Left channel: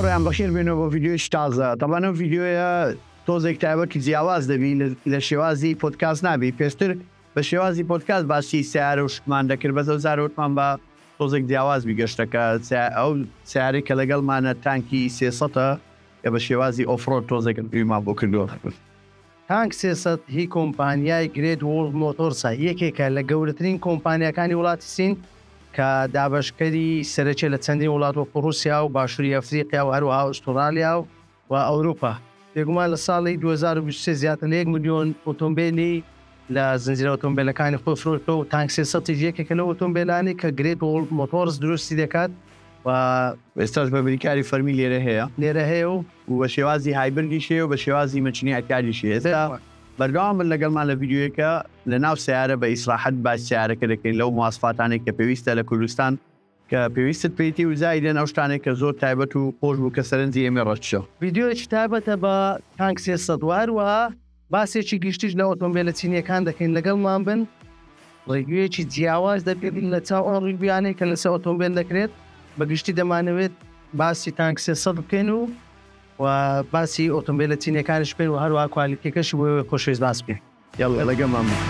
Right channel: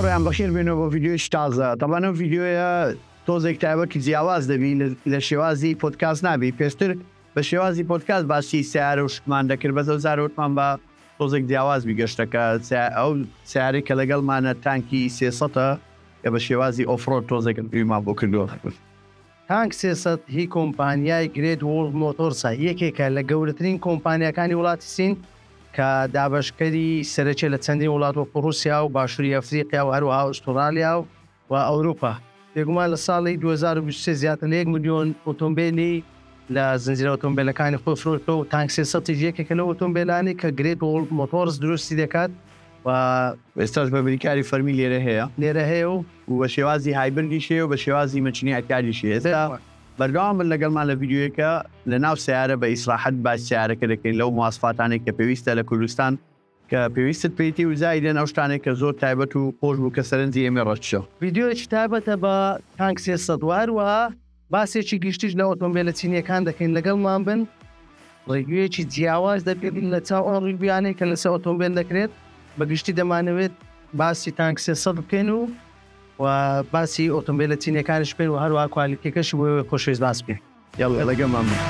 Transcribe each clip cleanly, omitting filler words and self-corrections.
هاوڕێیان بەخێر بێنەوە بۆ ڤیدیۆی تازە. طبعا ئەم ڤیدیۆیە تۆزێک تایبەتی جیاواز دەبی لە شێوازی پۆدکاست نابی، پێشتر بە شێوازی پۆدکاست باسی سیارە و شتمان دەکرد، بەزە زارەوتمان بە تۆزێک جیاواز بیگەشتەکە ئەو سیارەی کە لەگەڵمانە تانکی 300ە کە بە شێوازی ئۆفرۆد تۆزێکن پێمان بۆ کردووە. تانک 300 هی کۆمپانیای گرێت وۆڵد مۆتۆرسە، یەکێکە لە گەورەترین کۆمپانیەکانی وڵاتی سین کە دابەشکەری سەرەکیە لە چەندین وڵات وەکو رووسیا و باشووری ئەفریقیا و هەروەها ئوسترالیا و ئەوروپا. بێگومان لە ساڵی 2023 زیاتر لە 1 ملیۆن ئۆتۆمبیلی لە زنجیرە ئۆتۆمبیلەکانی خۆی فرۆشتەوە و تانک 300 یەکێکە لە ئۆتۆمبیلانی کە گرێت وۆڵد مۆتۆرس دروستی دەکات و ئێستاش بە بریکاری فەرمی لێرە هەیە و بە شێوازی هایبردی شێ و بە شێوازی مەچنی ئەکاری شێ. ئێستا بەردەوام من لەگەڵمان لە ڤیدیۆیەکە لە ناو سیارە بە ئیسراحەت باس سیارەکە دەکەین لەو مواصفاتانێک کە پێویستە لە کوردستان کە پێویستت پێیتی و زایدێن ئەو شتانێک کە زۆر تایبەت و خۆش بوو کە سەرنجی ئێمە ڕەتشە. ڤیدیۆیەکی تایبەتە بە تانک 300 وهروەها باسێکی گشتیش لە ئۆتۆمبیلە چینیەکان دەکەین لەگەڵمان بن. ڕێگویەکی جیاواز دەکردین لە چاو ئەو ڕێگویانەی کە لەسەر ئۆتۆمبیل دەکرێت. بەگشتی دەمانەوێت باسی تانک 300 بکەین و باسی ئۆتۆمبیلە چینیەکانش بکەین و هەروەها کوالیتیەکەشی بۆ خۆشەویست باس بکەین. یاڵا لەگەڵمان بن.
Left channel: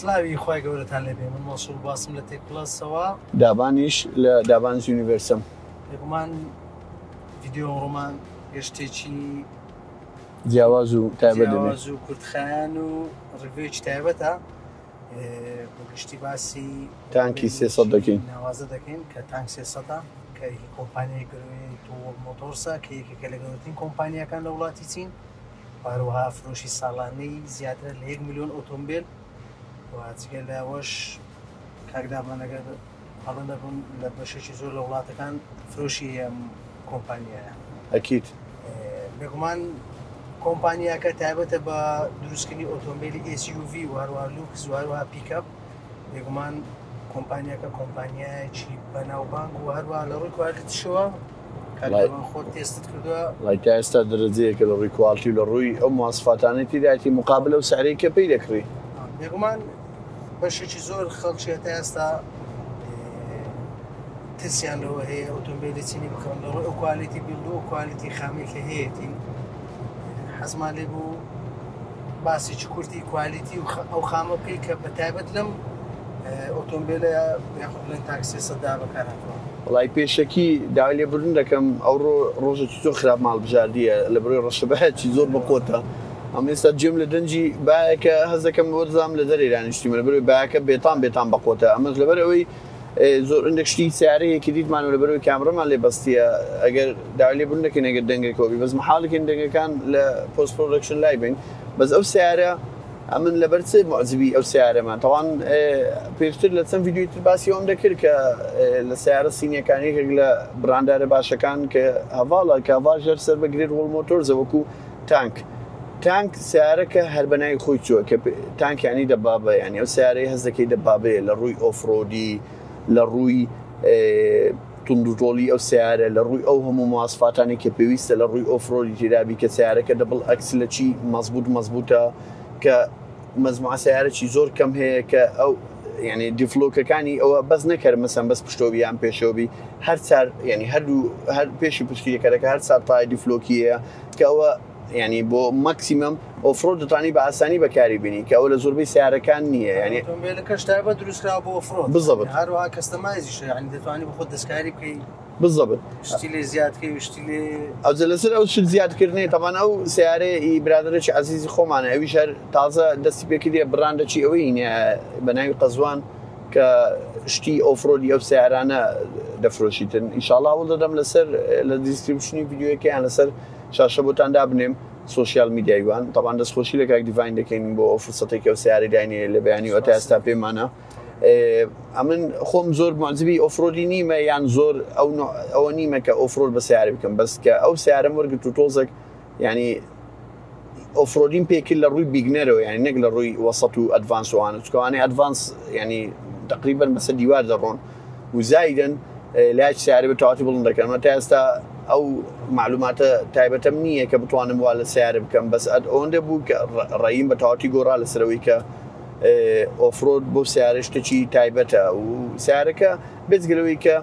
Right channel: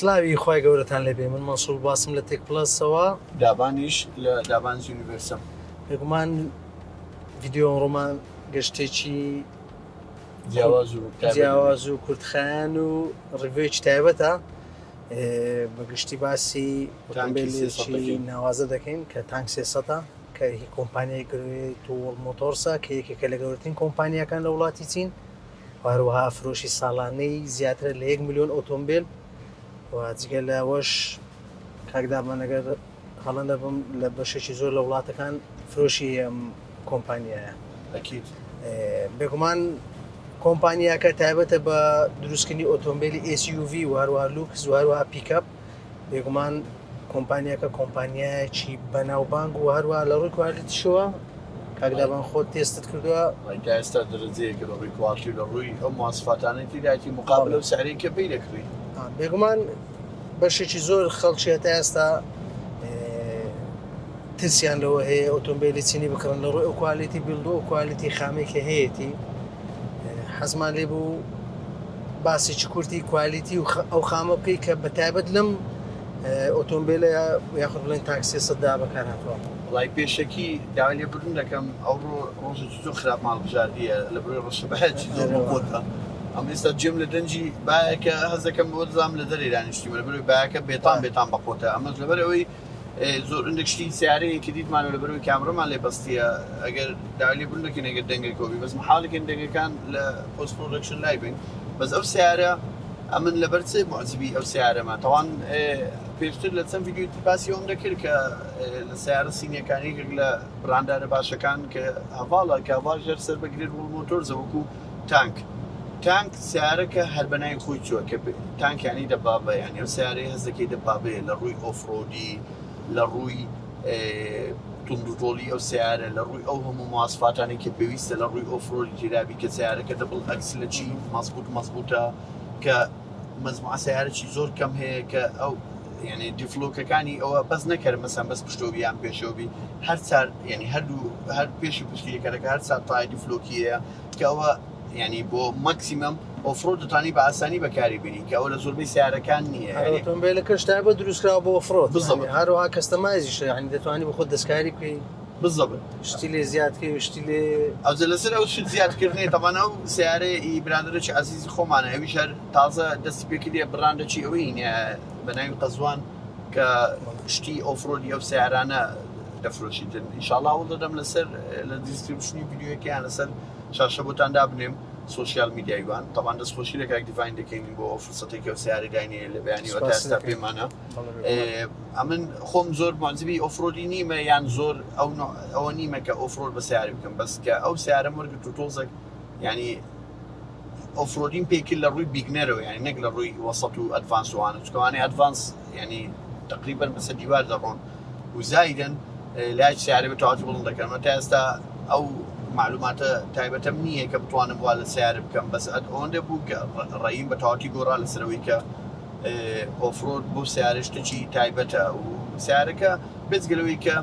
سلاوی خۆی گەورەتان لێبێ، من مەسوول باسم لە تێک پلەسەوە دابانیش لە دابانز یونیڤەرسم. بێگومان ڤیدیۆ ڕۆمان گەشتێکی جیاواز و کورتخایان و ڕێگویەکی تایبەتە. بەگشتی باسی تانکی 300 دەکەین، ناوازە دەکەین کە تانک 300 کە هی کۆمپانیای گرێت و مۆتۆرسە کە یەکێکە لە گەورەترین کۆمپانیەکان لە وڵاتی چین، هەروەها فرۆشی ساڵانەی زیاتر لە 1 ملیۆن ئۆتۆمبیل جگە لەوەش کاکدابانەگەر هەڵەندە بم لە بەشێکی زۆر لە وڵاتەکان فرۆشی ئەم کۆمپانیایە. ئەکید بێگومان کۆمپانیاکە تایبەتە بە دروستکردنی ئۆتۆمبیلی SUV و هەروەها لوکس و هەروەها پیکەپ. بێگومان کۆمپانیاکە کۆمپانیایەکی بەناوبانگ و هەروەها لە ڕووی کوالیتیشەوە کاکدابان خۆت تێستت کردووە تا ئێستا دەرەجەیەکە لە ڕووی کوالیتی و لە ڕووی ئەو مواصفاتانەی تیدایەتی مقابلە و سعرەی کە پێی دەکڕی. بێگومان بەشێکی زۆر خەڵکی تا ئێستا ترسیان لەوە هەیە ئۆتۆمبیلی چینی بکڕن لە ڕووی ئەو کوالیتی بیلد و کوالیتی خامێکە هەیەی حەزمان لێ بوو باسێکی کورتی کوالیتی و ئەو خامە بکەی کە بەتایبەت لەم ئۆتۆمبیلە یاخود بڵێن تانک 300 بەکار هاتووە. وڵای پێشەکی داوای لێبوردن دەکەم ئەو ڕۆژێکی زۆر خراپ ماڵبژاردیە لە بڕۆی ڕەشەبەهەتی زۆر بەقۆتە. ئەم ئێستا جێم لە دەنجی باەکە هەز دەکەم بۆ دزام لە دەرێ دانیشتیمە لە بەروی باەکە بێتان بەقۆتە. ئەمەش لەبەرەوەی زۆر ئەندەکشتی سیارەیەکی دیتمان و لە بەروی کامڕەمان لێ بەستیە ئەگەر داوای لێبوردن دەکەین ئەگەر دەنگێکەوەبی بەس محاڵێکن دەنگەکان لە پۆست پرۆدەکشن لای بین. بەس ئەو سیارە ئەمن لەبەر چێ معجبی ئەو سیارەمان تەوان پێشتر لە چەند ڤیدیۆی تر باسی ئەوم دەکرد کە لە سیارە سینیەکانێکێک لە براندارە باشەکان کە هەواڵە کە هەواژەر سەر بە گرێت وڵد مۆتۆرزە وەکو تانک سیارەکە هەر بەنای خۆی چووە کە تانکیانی دەبابە، یعنی ئەو سیارەی هەز دەکەی دەبابێ لە ڕووی ئۆفرۆدی، لە ڕووی توندڕۆڵی ئەو سیارە لە ڕووی ئەو هەموو مواصفاتانی کە پێویستە لە ڕووی ئۆفرۆلی تێدابی کە سیارەکە دەبڵ ئەکس لە چی مەزبوطە کە مەزموعە سیارەی زۆر کەم هەیە کە ئەو یعنی دیفلۆکەکانی ئەوە بەس نەکرد مەسەن بەس پشتۆوی یان پێشەوەی هەر چار ینی هەر پێشی پشتیەکەرەکە هەر چار تای دیفلۆکیەیە کە ئەوە ینی بۆ ماکسیمەم ئۆفرۆ دەتوانی بە ئاسانی بەکاری بینی کە ئەوە لە زۆربەی سیارەکان نییە ینی ئۆتۆمبیلەکەش تایبەت دروستکراوە بۆ ئۆفرۆ بالضبط هەروەها کەستەمایزیش ینی دەتوانی بە خۆت دەستکاری بکەی بالضبط شتی لێ زیادکەی شتی لێ ئەوجە لەسەر ئەو شت زیادکردنی تەمان ئەو سیارەی برادرێکی عزیزی خۆمانە ئەویش هەر تازە دەستی پێکردیە بڕاندەچی ئەوەی بە ناوی قەزوان کە شتی ئۆفرۆدی ئەو سیارانە دەفرۆشیتن ئینشاءالله وڵ دەدەم لەسەر لە دیسکریپشنی ڤیدیۆیەکەیان لەسەر شاشە بۆتان دابنێم سوۆسیال میدیایوان تەبان دەستخۆشی لە کاک دیڤین دەکەین بۆ فرسەتێکی ئەو سیارەی داینێ لە بەیانی ئەو تا ئێستا پێمانە ئەمن خۆم زۆر معجبی ئۆفرۆدی نیمە یان زۆر ئەوە نیمە کە ئۆفرۆد بە سیارە بکەم بەس کە ئەو سیارەم وەرگرت و تۆزێک ینی ئۆفرۆدین پێکرد لە ڕووی بیگنەرەوە یانی نەک لە ڕووی وەسەط و ئەدڤانسوانە چکەوانەی ئەدڤانس ینی تقریبا بەسەر دیوار دەڕۆن و زایدن لاج سیارە بەتەواتی بڵند دەکەن تا ئێستا ئەو معلوماتە تایبەتەم نییە کە بتوانم وا لە سیارە بکەم بەس ئەوەندە بوو کە ڕێیم بەتەواتی گۆڕا لەسەرەوەی کە ئۆفرۆد بۆ سیارە شتێکی تایبەتە و سیارەکە بێزگەلەوەی کە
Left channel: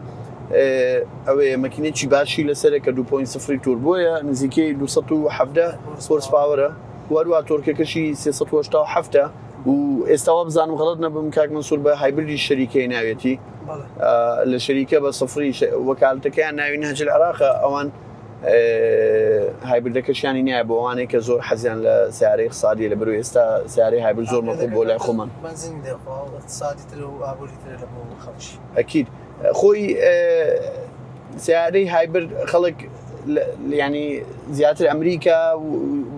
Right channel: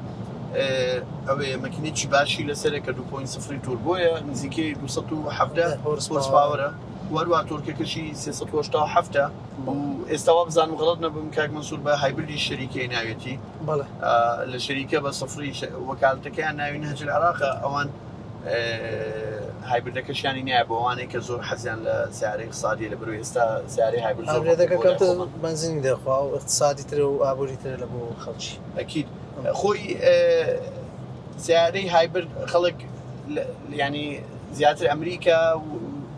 ئەوێ مەکینێکی باشی لەسەرە کە 2.0 توربۆیە نزیکەی 270 هۆرس پاوەرە وەروە تۆرکەکەشی 387 و ئێستاوە بزانم غەڵەت نەبم کاک مەنسوور بە هایبریدی شەریکەی ناوێتی لە شەریکە بە سەفری وەکالەتەکەیان ناوی نهجل عێراقە ئەوان هایبریدەکەشیانی نییە بۆ ئەوانەی کە زۆر حەزیان لە سیارەی اقتصادی لە بەروی ئێستا سیارەی هایبرید زۆر بۆ لای خۆمان بنزینی دەخوا و اقتصادی تر و ئابووری تر لە بۆ خەڵکی ئەکید خۆی سیارەی هایبرد خەڵک ینی زیاتر ئەمریکا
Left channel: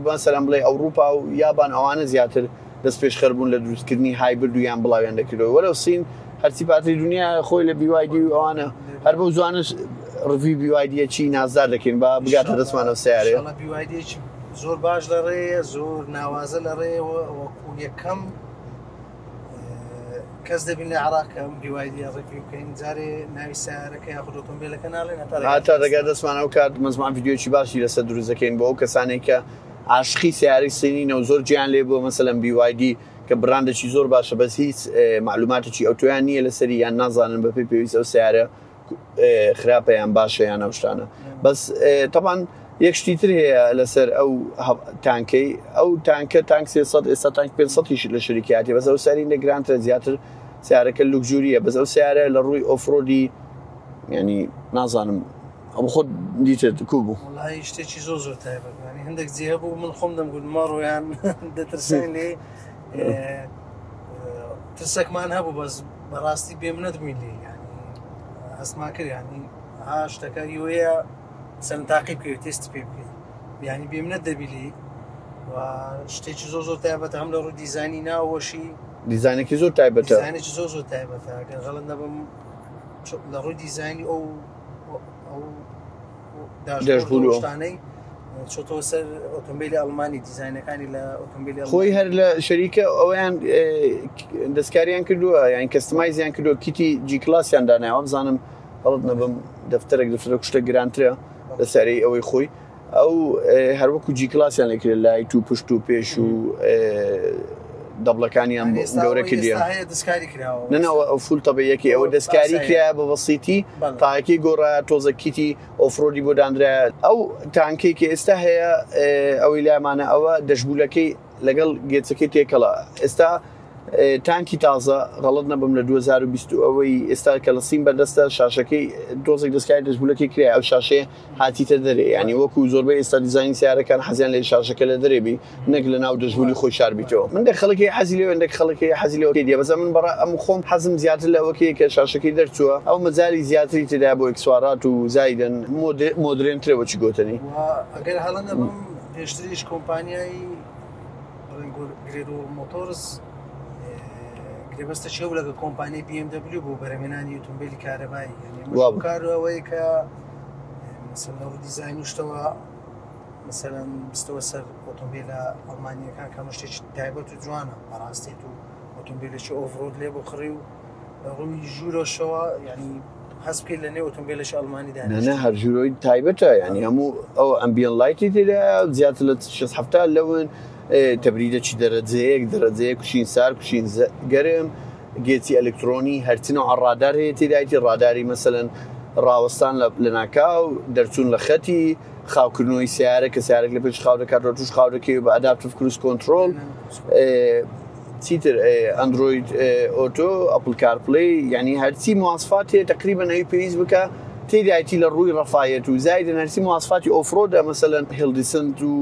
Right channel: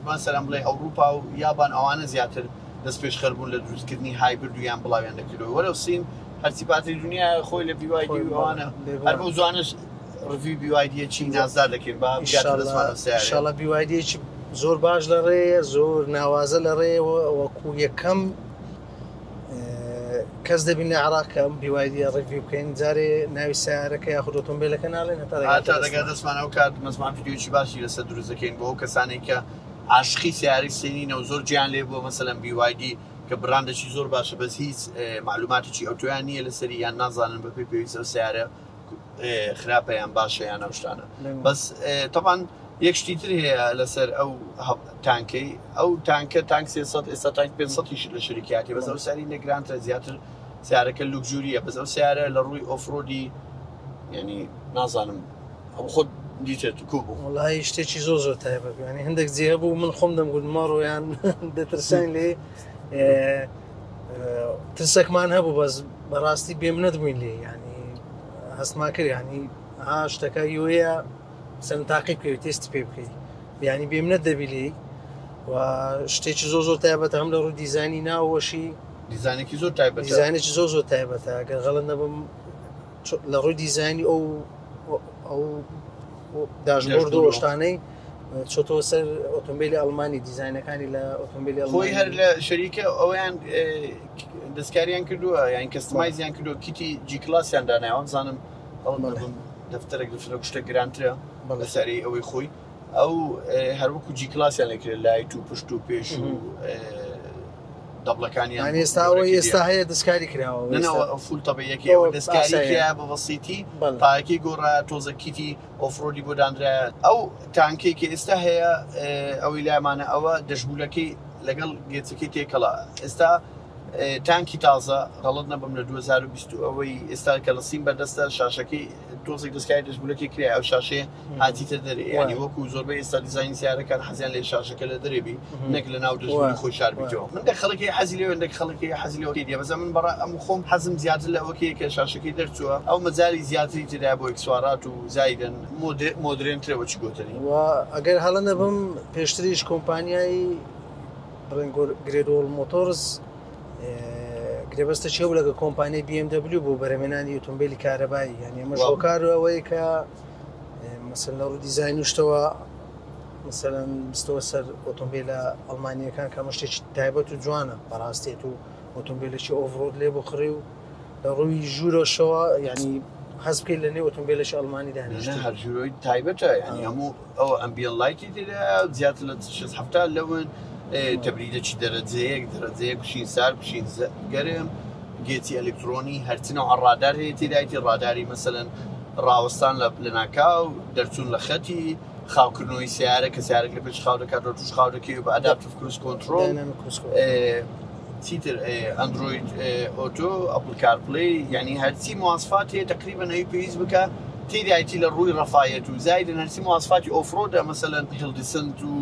مەسەلەن بڵێ ئەوروپا و یابان ئەوانە زیاتر دەست پێشخەر بوون لە دروستکردنی هایبرد و یان بڵاویان دەکردەوە وەرە سین هەرچی پاتری دنیا خۆی لە بیوایدی و ئەوانە هەر بۆ زوانش ڕڤی بیوایدیە چی نازدار دەکەین با بگاتە دەستمانەوە سیارە ئینشاڵڵا بیوایدیەکی زۆر باش لە ڕێیە زۆر ناوازە لە ڕێەوە وەکو یەکەم کەس دەبین لە عێراق کە ئەم بیوایدیە ڕێوی بکەین جارێ ناوی سیارەکە یاخود ئۆتۆمبیلەکە ناڵێن هەتا دەگات دەستمانە و کات مەزمان ڤیدیۆکی باشی لەسەر دروست دەکەین بۆ ئەو کەسانێک کە عاشقی سیارەی سینینە و زۆر گیان لێ بۆ مەسەلەن بیوایدی کە بڕاندێکی زۆر باشە بەس هیچ معلوماتێکی ئەوتۆیان نییە لەسەری یان نازانن بەپێی پێویستە ئەو سیارە خراپە یان باشە یان ئەو شتانە بەس تەبان یەک شتی تر هەیە لەسەر ئەو تانکەی ئەو تانکە تانک 300 ئێستا تانک 500 لە شەریکاتی بەس ئەو ساری لە گرانتە زیاتر سیارەکە لوکژوریە بەس ئەو سیارە لە ڕووی ئۆفرۆدی ینی نازانم ئەو خۆت دیتێت کو بوو وڵای شتێکی زۆر زۆر تایبەت ینی هەندێک جێ بوو من خۆم دەمگوت مەڕۆیان دەترسان لێ ترسێکمان هەبوو بەس بەڕاستی بێم نەدبووین لێ ینی هەستما کرد ینی شتەکە یۆیە سەن تاقی بکەوێت تێستی پێ بکەیت ینی بێم نەدەبی لێ و شتێکی زۆر زۆر تایبەتە هەم لە ڕوو دیزانی ناوەشی دیزانێکی زۆر تایبەتە دیزانێکی زۆر زۆر تایبەتە گەر غەڵەت نەبم لە ڕووی دیزانی ئەو داشتانەی چۆتەوە سەر ئۆتۆمبیلی ئەڵمانی دیزاینەکانی لە ئۆتۆمبیلی خۆی هەر لە شەریکە ئەویان دەستکاریان کردووە یان کەستمایزیان کردووە کیتی جی کلاسیان داناوە بزانم هەڵت نەبم دەفتەرێک دەفتەرە کوشتە گرانترە لەسەری ئەوەی خۆی ئەو هەروەکو جی کلاسیان لەکرد لای تو پشت و پێش و دەبڵەکانیان ئێستا هەیە دەستکاری کراوە نەنەوە ئەو فول تەبەیەکی ئەوە دەستکاری کرا بە بەسیتی تاکی گۆڕا تۆزە کیتی ئۆفرۆدی بۆ دانرایە ئەو تانکێکی ئێستا هەیە ئەوەی لایمانە ئەوە دەشبولەکەی لەگەڵ گێچەکەی تێکەڵە ئێستا تانکی تازە غەڵەت نەبم لە 2020 ئەوەی ئێستا کە لە سیم بەدەستە شاشەکەی دۆزێک دەستکاری دەشبولەکەی کرا ئەو شاشەیە هاتیتە دەرێ ینی وەکو زۆربەی ئێستا دیزاین سیارەکان حەزیان لێ شاشەکە لە دەرێبی نەک لە ناو دەشبولی خۆی شاربیتەوە من دە خەڵکی حەزی لێ هەندێک خەڵکی حەزی لێوەکەی دیە بەس من بەڕا ئەم خۆم حەزم زیاتر لەوەکەیە کە شاشەکەی دەرچووە ئەو مەجای زیاتری تێدا بۆ ئەکسوارات و زایدن مۆدرێنترەوە چی گۆتنی ئەگەر هەڵە نەبم پێشتریش کۆمپانیای گرێدۆڵ مۆتۆرس گرێبەستە چێو لەگە کۆمپانیای BMW بۆ بەرەمێنانی ئۆتۆمبیلی کارەبایی ینی مەشۆکار ئەوەیە کە مەسەن لە ڕوو دیزاین شتەوە مەسەلەن بستەوە سەر ئۆتۆمبیلە ئەڵمانیەکان کە شتێکی تایبەت و جوانە بەڕاستێت و ئۆتۆمبیلێکی ئۆڤرۆد لێ بۆ خڕی و لە ڕووی ژوورەشەوە ینی حەز بکەیت لە نێو ئۆتۆمبیلێکی ئەڵمانی نە هەرژوورۆی تایبەتە ینی هەموو ئەو ئەمبیەن لایتی تێدا زیاتر لە 6 لەون تەبریدەکی دەرەجەیەک دەرەجەیە کوشین سار کوشین گەرم گێتی ئەلکترۆنی هەرچنە ڕادار هەیە تێدایەتی ڕاداری مەسەلەن ڕاوەستان لە ناکاو دەرچوون لە خەتی خاوکردنەوەی سیارە کە سیارێک لە پێش خاو دەکات ڕۆ توش خاو دەکەی و بە ئەداپتیڤ کروز کۆنترۆل چیتر ئەندرۆید ئۆتۆ ئەپل کارپڵی یعنی هەرچی مواسفات هەیە تقریبەن ئەوی پێویست بکە تێدایەتی لە ڕووی ڕەفایەت و زایدن هەرچی مواسفاتی ئۆفرۆدە مەسەلەن هێڵدیسنت و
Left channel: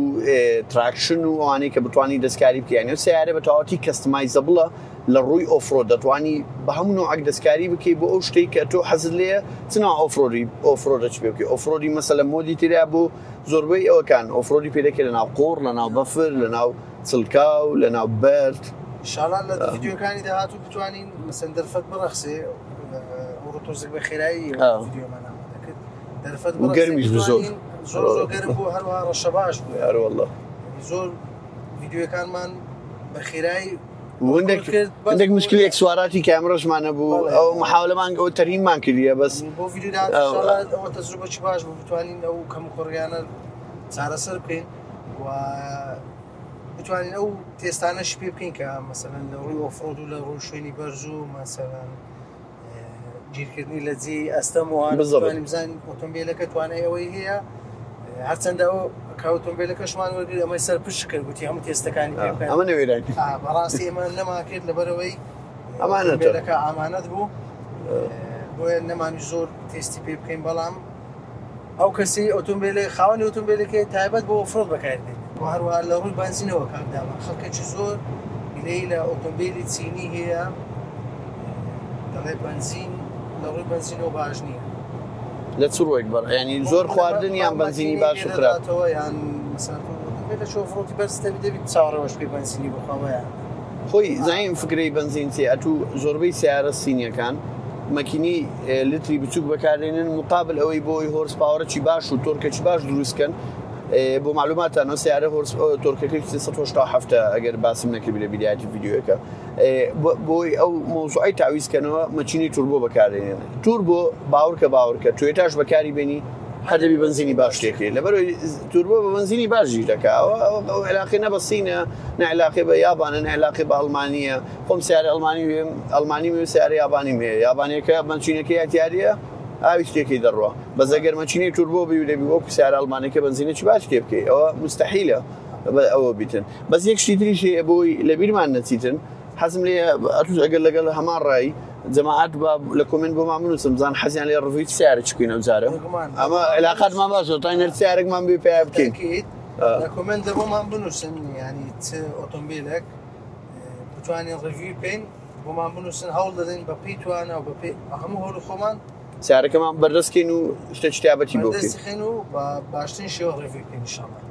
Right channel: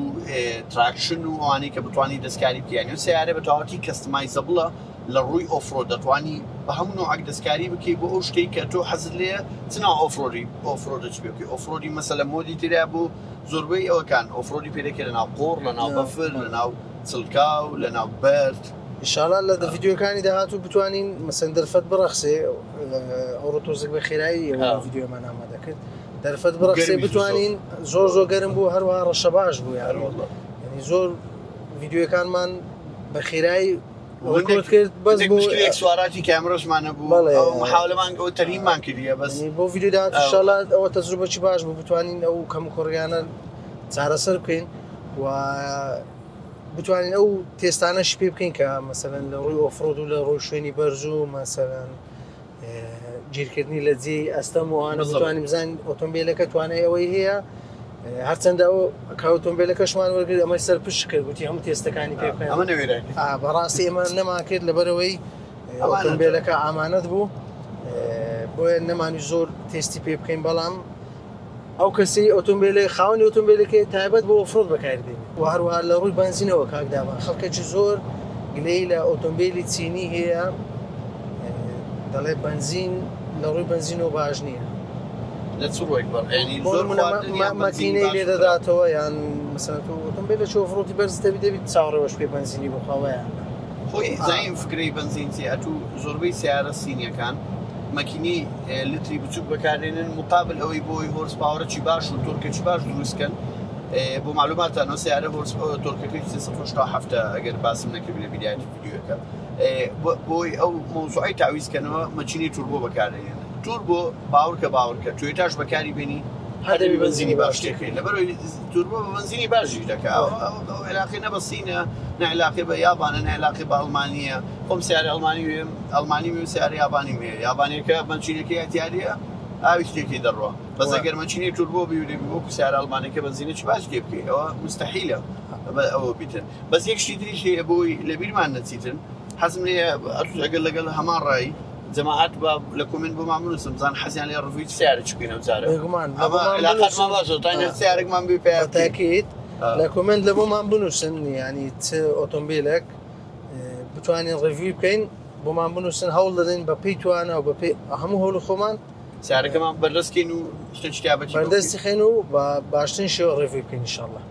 تراکشن و ئەوانەی کە بتوانی دەستکاری بکەیان و سیارە بە تەواوەتی کەستمایزەبڵە لە ڕووی ئۆفرۆد دەتوانی بە هەموو نوعک دەستکاری بکەی بۆ ئەو شتەی کە تۆ حەزت لێیە چنا ئۆفرۆدە چ پێ بکەی ئۆفرۆدی مەسەلە مۆدی تێدا بۆ زۆربەی ئەوەکان ئۆفرۆدی پێ دەکرێت لەناو قوڕ لەناو بەفر لەناو چڵکاو لەناو بەرد ئینشاڵڵا لە ڤیدیۆکانی داهاتوو بتوانین مەسەن دەرفەت بڕەخسێ ئەوڕۆ تۆزێک بە خێرایی ڤیدیۆمان ئامادە کرد دەرفەت بڕەخسێ بتوانین زۆر گەرم بوو هەروەها ڕەشە باش بوو هەروەڵڵا زۆر ڤیدیۆکانمان بە خێرایی وەندێک مشکلێک سواراتی کامرەشمانە بوو ئەو محاولەمان ئەو تەرهیبمان کردیە بەس بۆ ڤیدیۆدا ئینشاڵڵا ئەوە تەجروبەی باش بوو بتوانین ئەو کەم و کۆڕیانە چارەسەر بکەین و بتوانین ئەو تێستانەش پێ بکەین کە مەسەلەن لە ڕووی ئۆفرۆد و لە ڕۆی شوێنی بەرز و مەسەلەن گیرکردنی لە جێی ئەستەم وانە بتوانین بزانین ئۆتۆمبیلەکە توانای ئەوەی هەیە هەرچەندە ئەو ئۆتۆمبیلەکەشمان وەرگرت ئەمەی سەر پشت کرد گوتی هەموو تێستەکانی پێ بکەین ئەمە نەوێرای بەڕاستی ئێمە نەما کرد لەبەرەوەی ئۆتۆمبیلەکە ئامانەت بوو بۆیە نەمانی زۆر تێستی پێ بکەین بەڵام ئەو کەسی ئۆتۆمبیلی خاوەنی ئۆتۆمبیلەکە تایبەت بۆ ئۆفرۆد بەکاردێن و هەروەها لە ڕووی بنزینەوە کاکداما خەڵکێکی زۆر گلەی لە ئۆتۆمبیلی چینی هەیە دەڵێ بنزین لە ڕووی بنزینەوە باش نییە لە چ ڕۆیک بەڕ ینی زۆر خواردن یان بنزینی باش دەداتەوە یان مەسەلەن ئۆتۆمبیل لە ئۆفرۆدی بەرزتەبی دەبێت چاوەڕێوەش پێ بنزینی بخواوەیان خۆی زایم فکرەی بنزین چێ ئەتوو زۆربەی سیارە سینیەکان مەکینی لتری بچوک بەکارێنن مقابل ئەوەی بۆی هۆرس پاوەرەی باش و تۆرکەی باش دروستکەن بۆ معلوماتانە سیارە تۆرکەکەی 370 ئەگەر باسم نەکرد لە بیدایەتی ڤیدیۆەکە بۆی ئەو مۆزوعی تاویزکەنەوە مەچینی توربۆ بەکارێنێن توربۆ باوەڕکە توێتاش بەکاری بێنی هەدەبی بنزینی باش دەکرێت لەبەرەوەی توربۆ بە بنزینی باشی دەکات ئەو علاقەی نە بە سینە نە علاقەی بە یابانە نە علاقەی بە ئەڵمانیە خۆم سیارە ئەڵمانی وێ سیارە یابانی مێ یابانیەکە مەچینەکەی ئەتیاریە ئاوی شتێکی دەڕوە بەس ئەگەر مەچینی توربۆ بیودەبی وەکو سیارە ئەڵمانەکە بنزینێکی باش تێ بکەی ئەوە مستەحیلە ئەوە بیتن بەس یەک شتی تریشی بۆی لە بیرمان نەچیتن حەزم لێ ئەتوش ئەگەر لەگەڵ هەمان ڕایی جەماعەت لە کۆمنت بۆمان بنووسم بزان حەزیان لێ ڕڤوی سیارە چکوینە ئەوجارە ئەمە علاقەتمان باشە تاینە سیارێکمان بێ پێ بکەیت لە کۆمنت لە بۆمان بنووسن ینی چ ئۆتۆمبیلێک بتوانین ڕڤوی بکەین بۆمان بنووسن هەوڵ دەدەین بە پێی توانە و بە پێی هەموو هەوڵ خۆمان سیارەکەمان بەردەستکەین و شتە شتیابەتی بەردەستی خێن و بە باشترین شێوە ڕێڤوی بکەین ئینشاڵڵا